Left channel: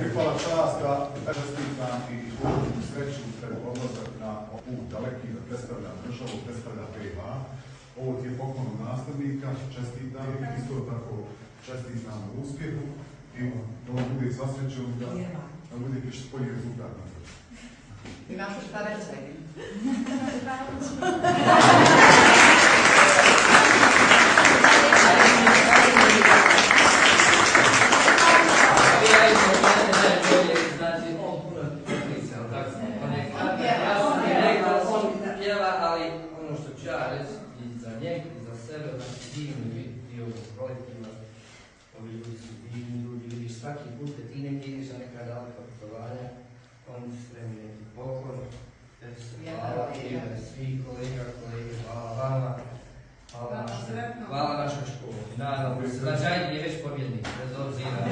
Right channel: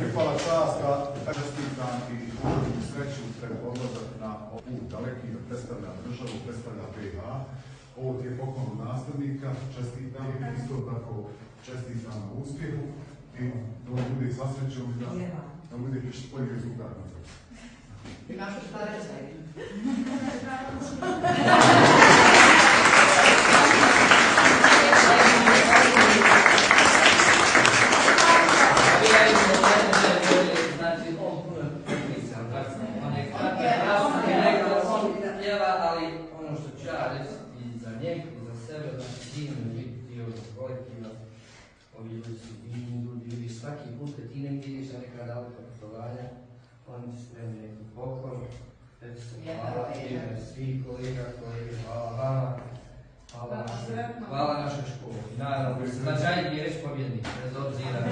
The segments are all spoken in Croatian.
Pripala čast da čestitam i uvodim sreću pred odlazak na put daleki da predstavlja državu, predstavlja BiH. Ovo ti je poklon od nastavnika, čestitam, isto tako čestitam u uspjehu i da on bude sva srećom i da bude još bolji rezultat na kraju. Imaš šta reći? Ali ono što ću ja reći i za njeg i za sebe, znači divni dio kolektiva, ovi ljudi su divni ljudi, vidiš svaki put kad ti negdje ideš na neka daleka putovanja, oni su spremni neki poklon, hvala ime svih kolega, hvala vama, hvala našoj školi. Naravno, značajni je već pobjednik, bez obzira.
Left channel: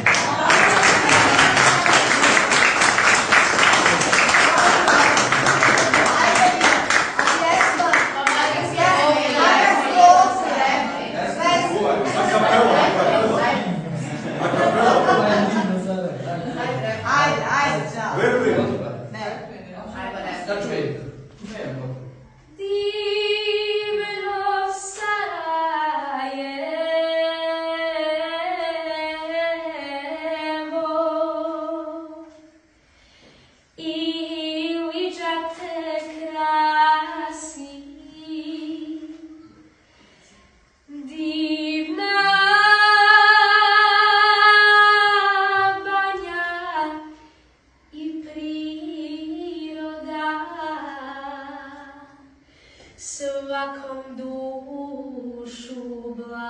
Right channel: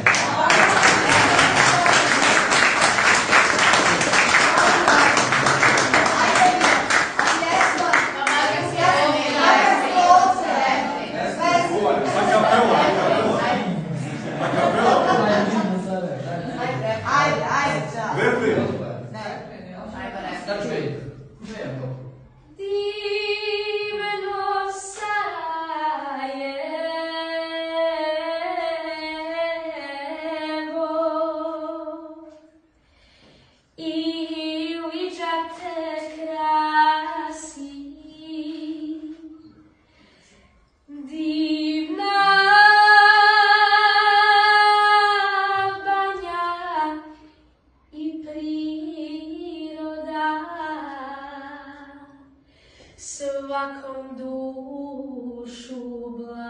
Svakom dušu blaži.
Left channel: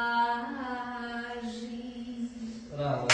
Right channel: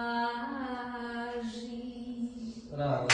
Bravo.